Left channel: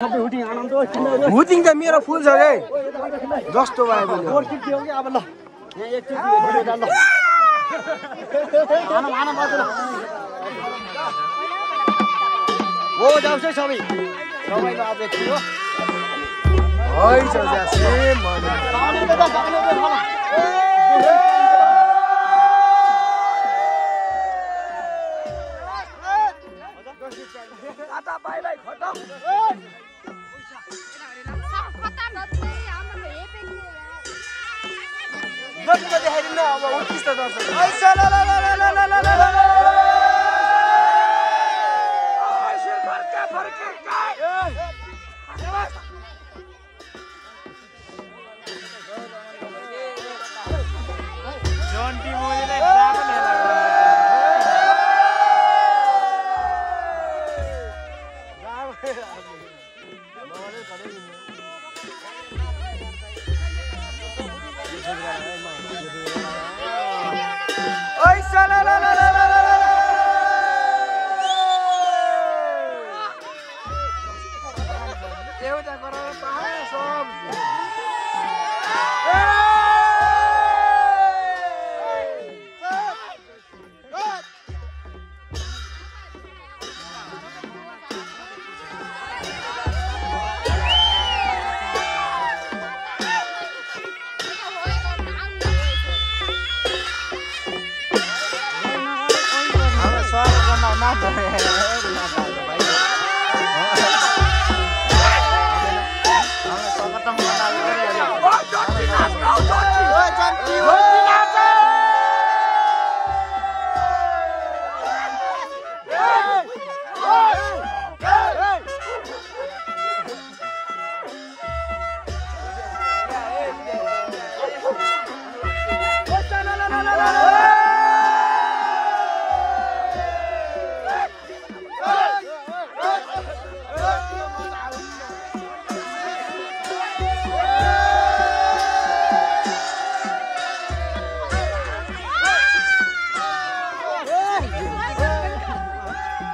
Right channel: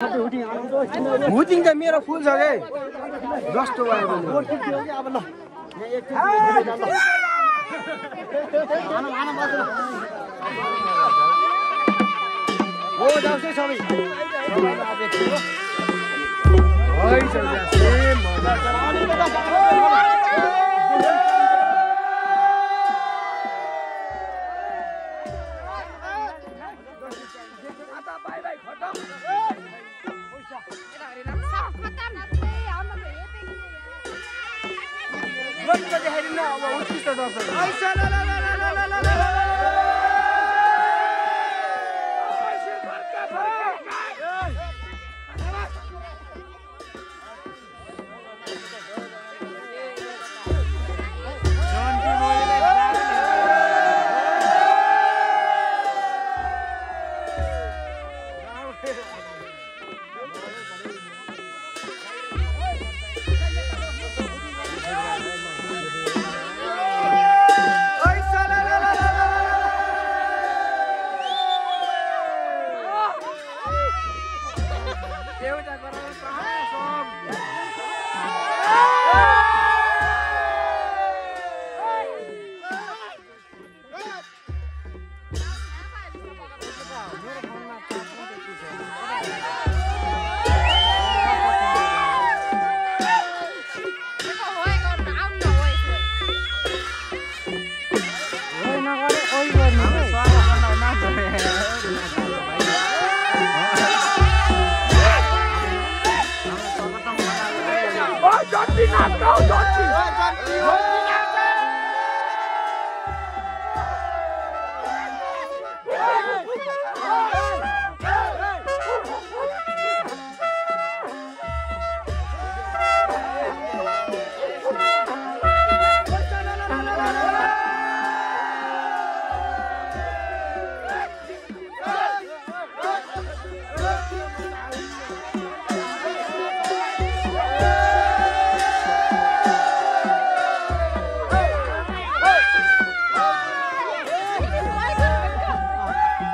hooting त मेरो फुल छ रे जस्तो भयो अब उत्कृष्ट दर्शक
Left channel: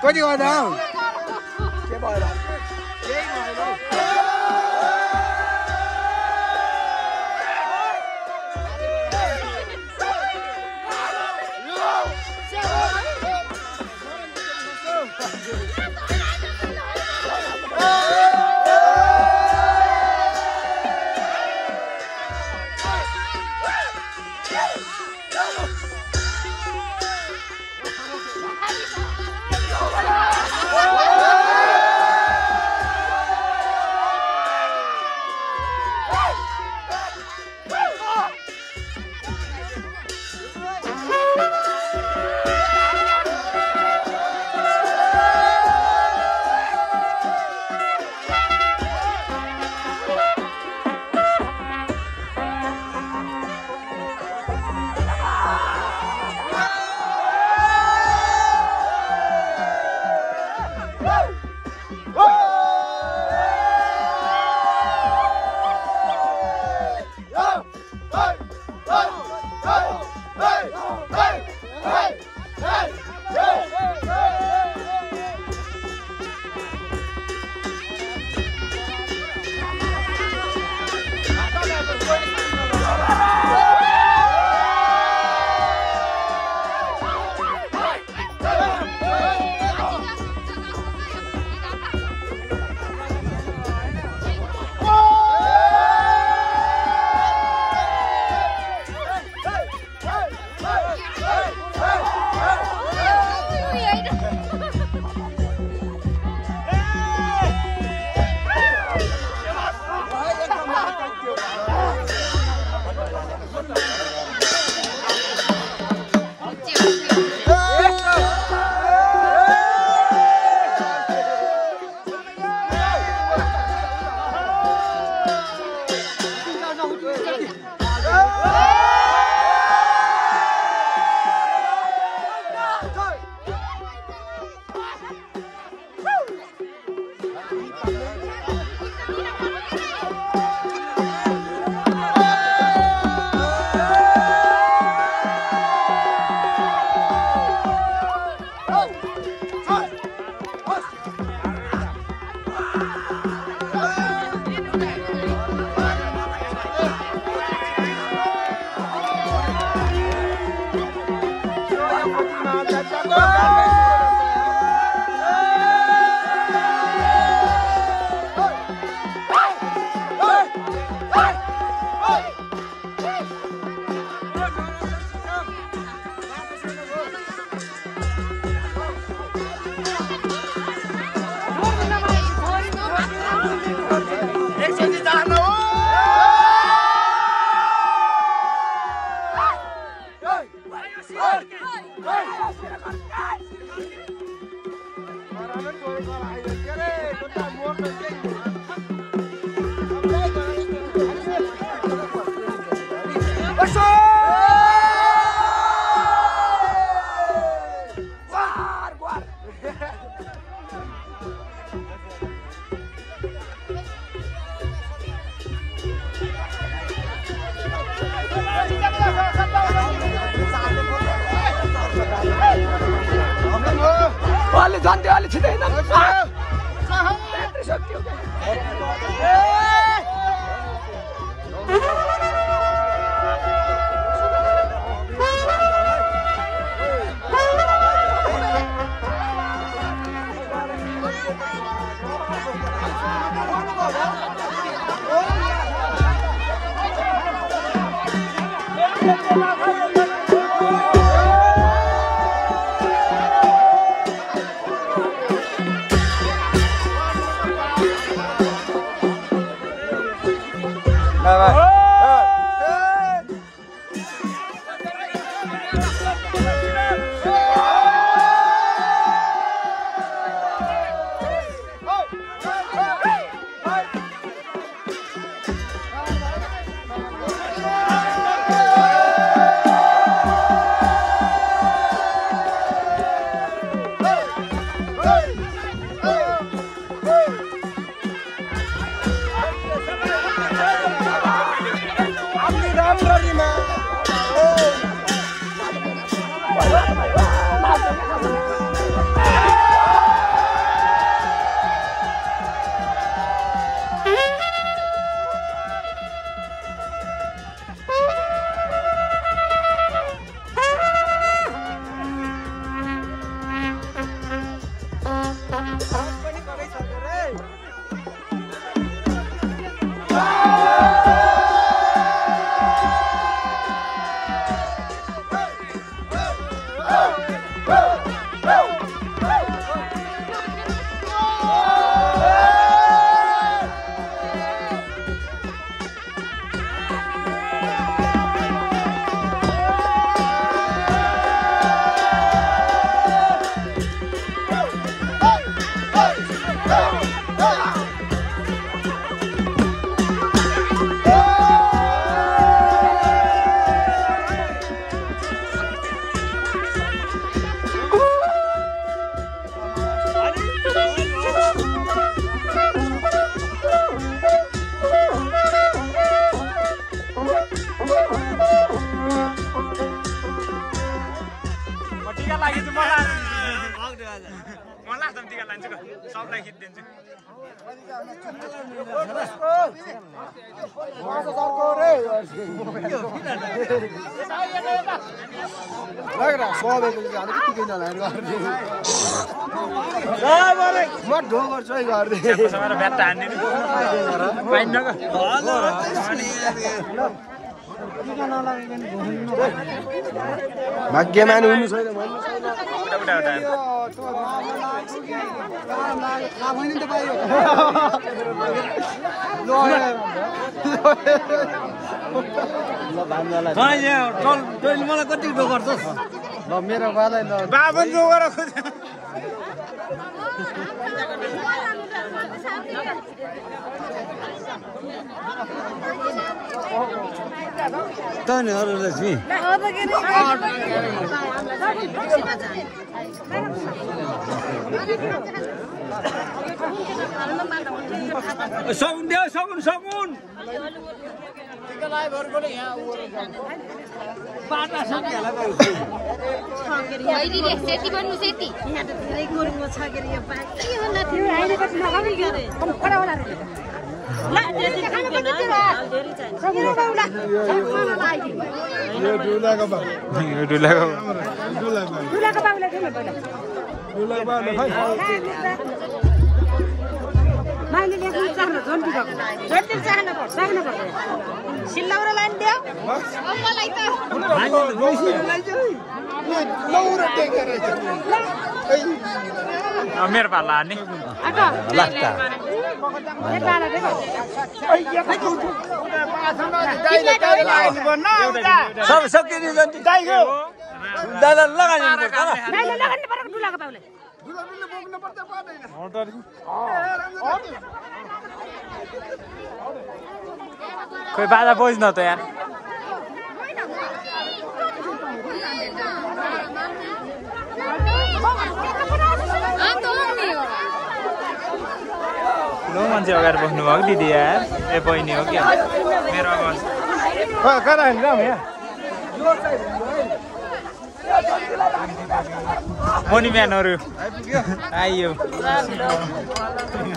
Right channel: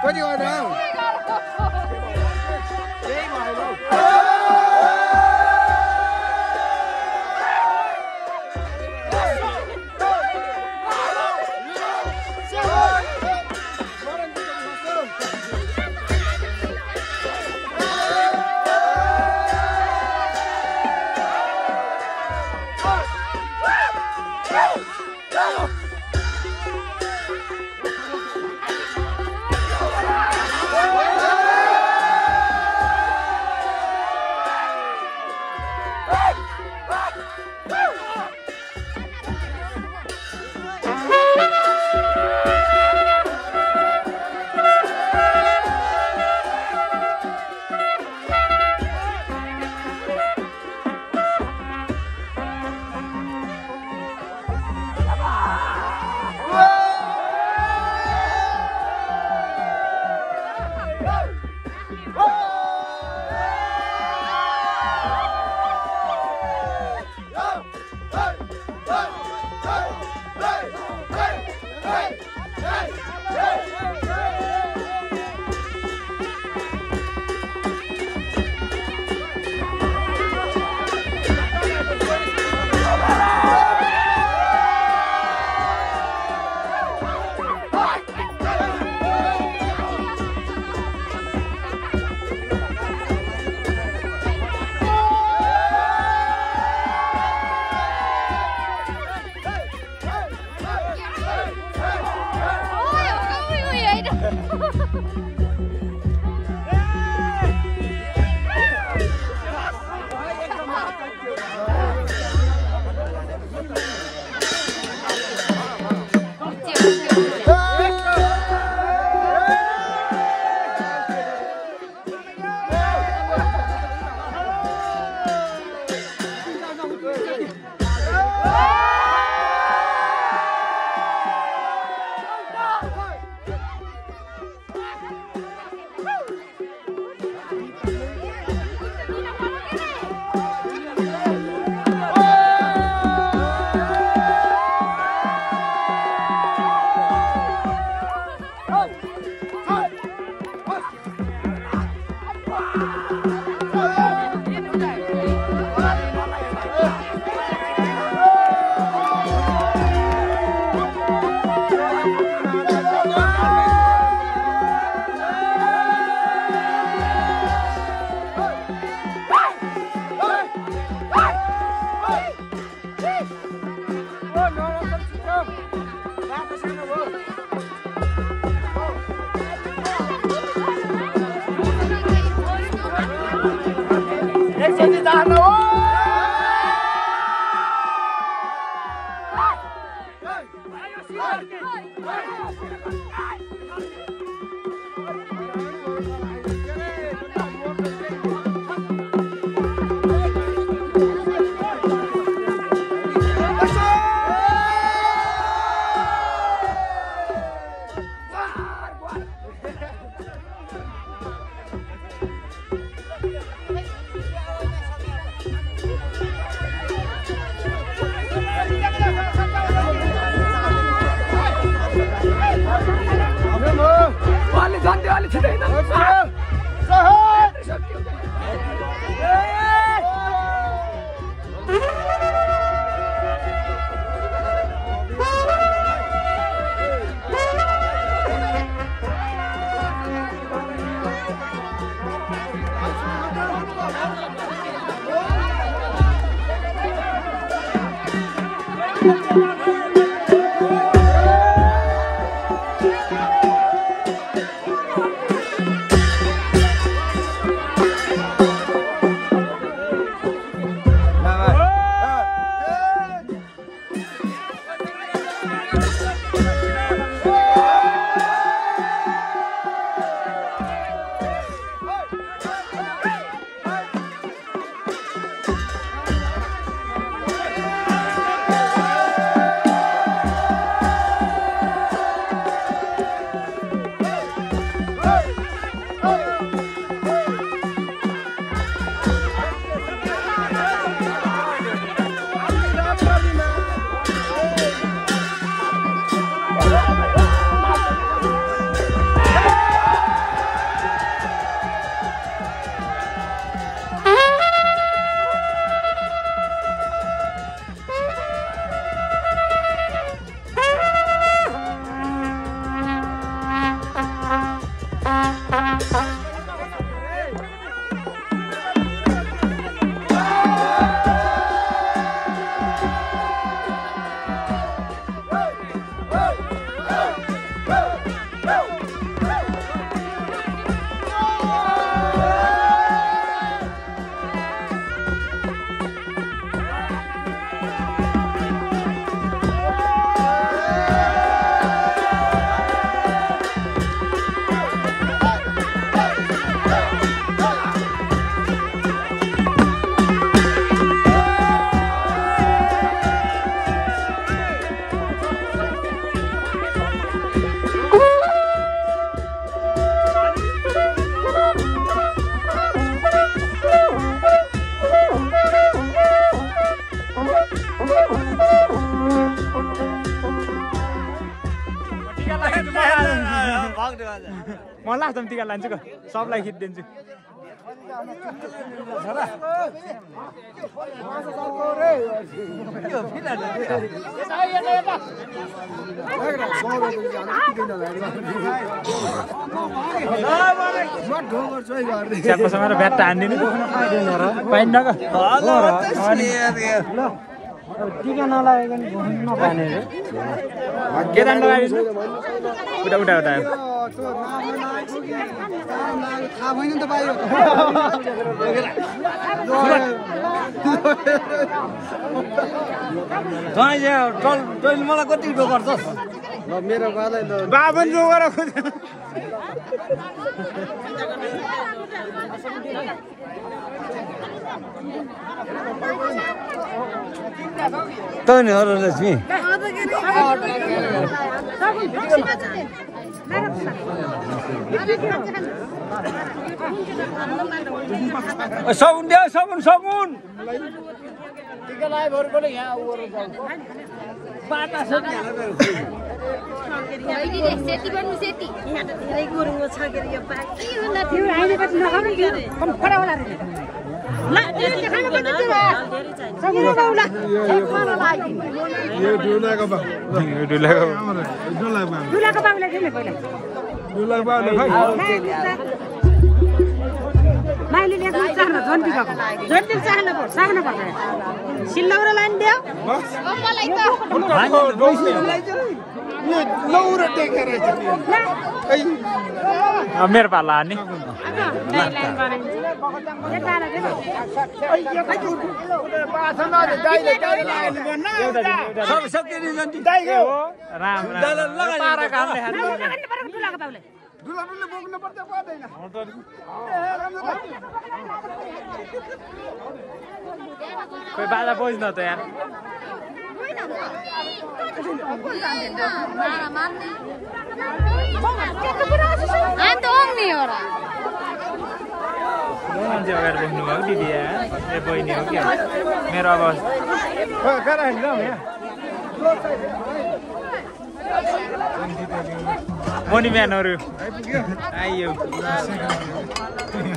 कति गर्दा केही भएन जान्थ्यो अलि छिटै मलाई त टिका लान्छु सबलाई खिच दिन्छु भाग्यमान हुनु छैन भन्नु छैन त्यो नाफा लाग्यो कि काम लाग्यो थाहा भएन नि त पाइयो तैँले मलाई कति डो गर्छस् ल मेरो बालै बाबुन्जु तँ नि अरूले छु सगुन देऊ सगुन सगुन बाटा सकिहाल्ला सेती बन्नु सेती यहाँ त धेरै गुरुङ छ के यो बाकी होला थियो अहिले त नगरी गरे मेरो पाला नि कोही बाजा बोझ्न त यार मान्छे अगाडि बस्नु भयो दिदी यार ए बहिनी हो क्या मेरो अवस्था मनी म्यानहरु आइयो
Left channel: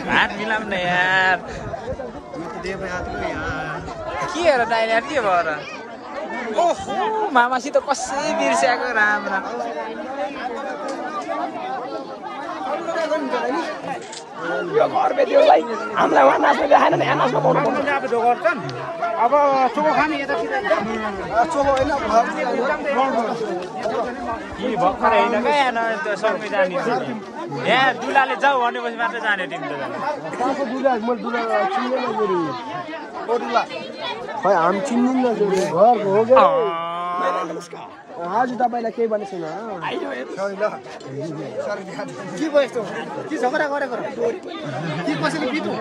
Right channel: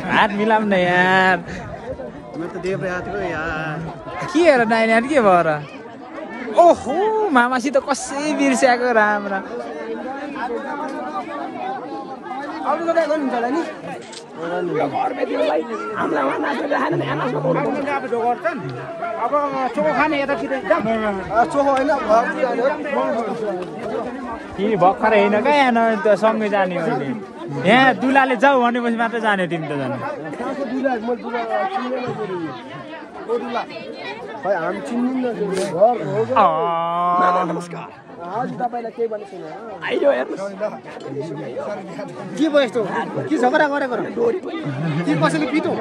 हात मिलाउने यार यो त देव यात्रो यार के हेर नानी के भएर ओहो मामासित कसै बिर्स्याएको राम्रा अरु लगा गर्नु होला नि यो घर बेदियोलाई हामीलाई वहाँ नाच्नु देखाएन नि यहाँ नाच्नु पाउनु पर्छ अब चोको खाने यता कि भर्खर हेर्नु क्या यहाँ त सँगै जाने यहाँ दुलाले जाऊ भनेपछि मात्र जाने तिमी त ताको दुला म दुला दुला खै हामी चिन्दैन घर हो नमस्कार आज तपाईलाई के भनेछु न आइयो के भयो यस्तो के झगडा गरेको डोरी पनि के कसैले पितो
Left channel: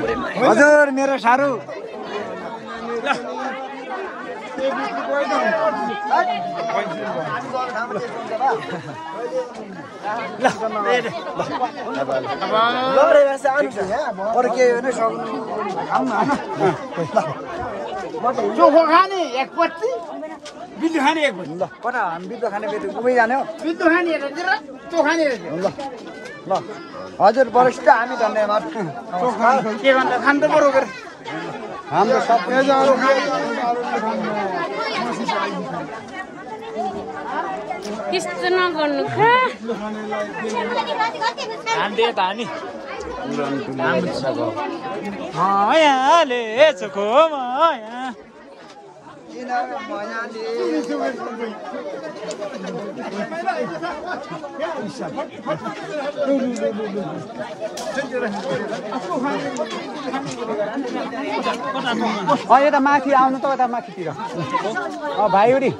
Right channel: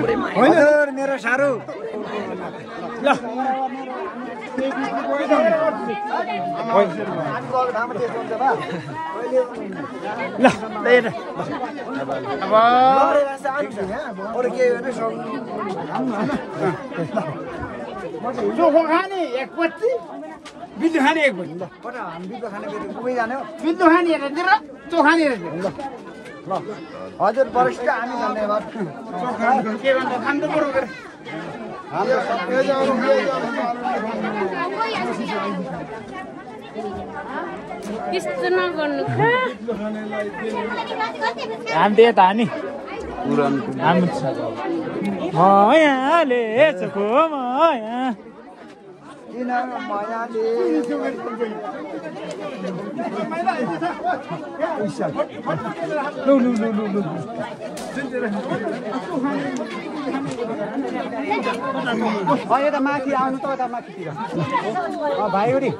पुरै हजुर मेरो सारो ल चोखो खाने एक पत्ती बिल्लु खाने एक पत्ती ल पर हामी बिल्लु खाने बेति घुमै जाने हो बिल्लु खाने हेरेर चोखाने हेरेर ल ल हजुर बरिष्ठ हामी धन्यवाद चोखा के भन्छ खान त बरोबर हाम्रो सबै जानु त्यस्तो नगर्नु हामी त हानी मायाले चोखो माया यता माथि आउनु त यता माथितिर भाइ हो नि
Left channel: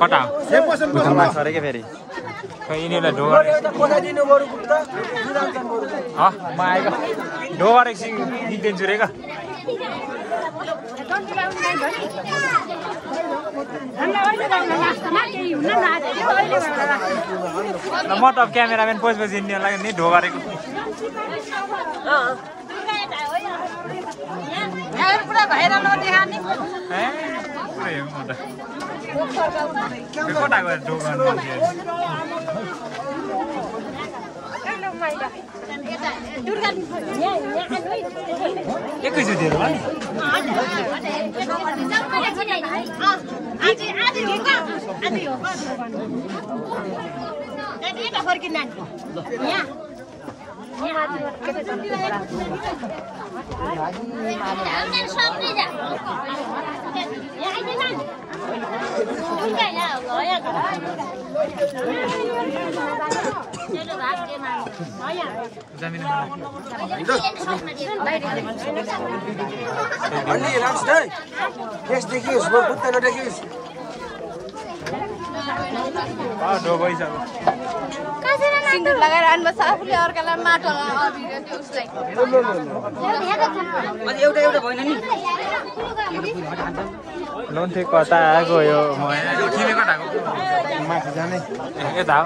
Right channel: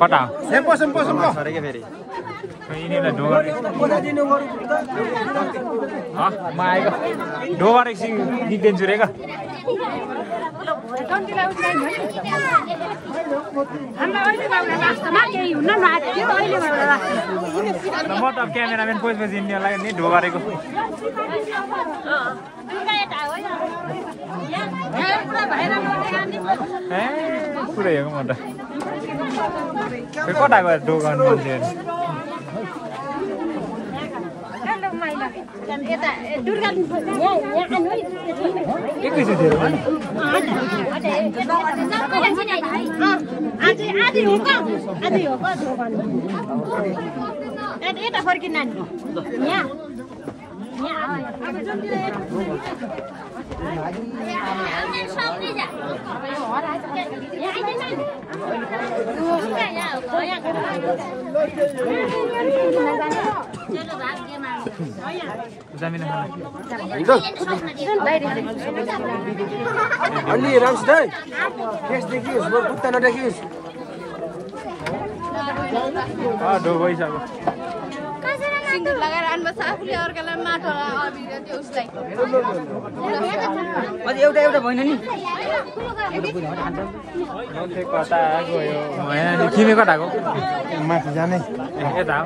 कता यिनीहरूलाई ढोगर म आएको ढोगर एकछिन निक्दिन्छु रे म त क्यामेराम्यान पछि हिँड्नेलाई नि ढोगरेको पुरै हेरौँ म त कता गएर ढोगर एकैचोटि हेरौँ नि जामिन खाना अलि राम्रोसित केस देखियोस् बुट्टा नदेखियोस् ढोग भइसक्यो सिन्दुर लगाएर आउनु आफूले अर्कालाई माटो अबिर त्यो उसलाई लोन्थे कता गयो तिमी कता गयो यता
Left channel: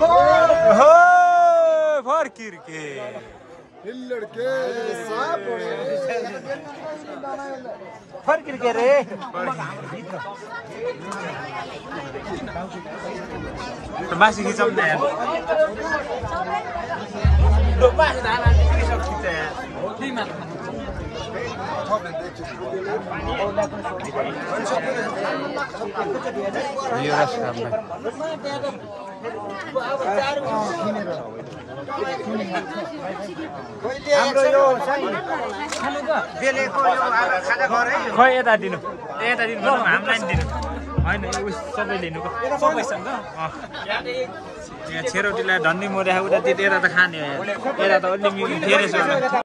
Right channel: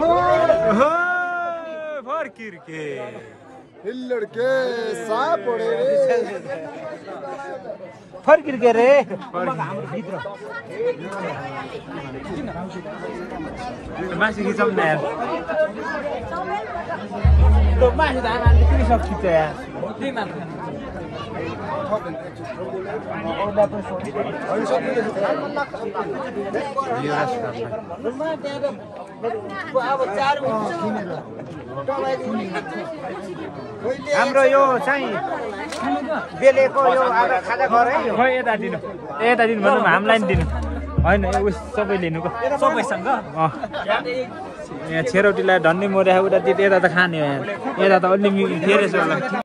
हो ल फर्किर्के लड्के साप उडे फर्किर्के रे मासी खिचाउँ न यार लो मासी धान हाल्ने के सब खिच्छ यार त्यही मात्र हाम्रो यो चाहिँ बेलेको यो आधा खाजा गरे खै यता दिनु यता दिनु भन्नु हामीलाई नि दिनु होइन उस सबै लिनुको सबैसँग यहाँ छेरोटीलाई धन्ने मोर्या उता यता त खाने हो यता त अलि फेरेछ होला